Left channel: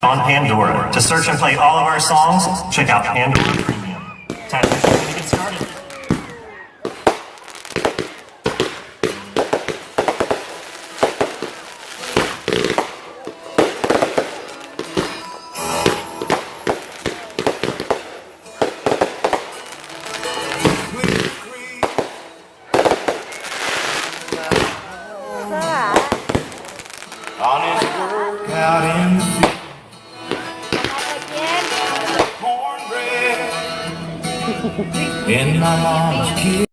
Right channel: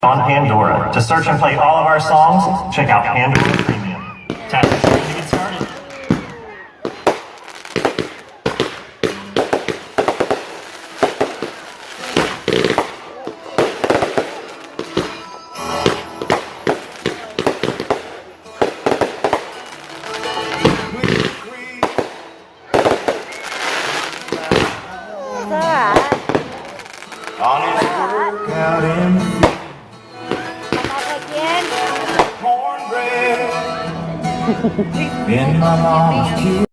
on Pandora. To search and play all of our songs, check out Pandora Premium. Tap the screen to get started. On his workout in the field, cornbread in my mama's kitchen.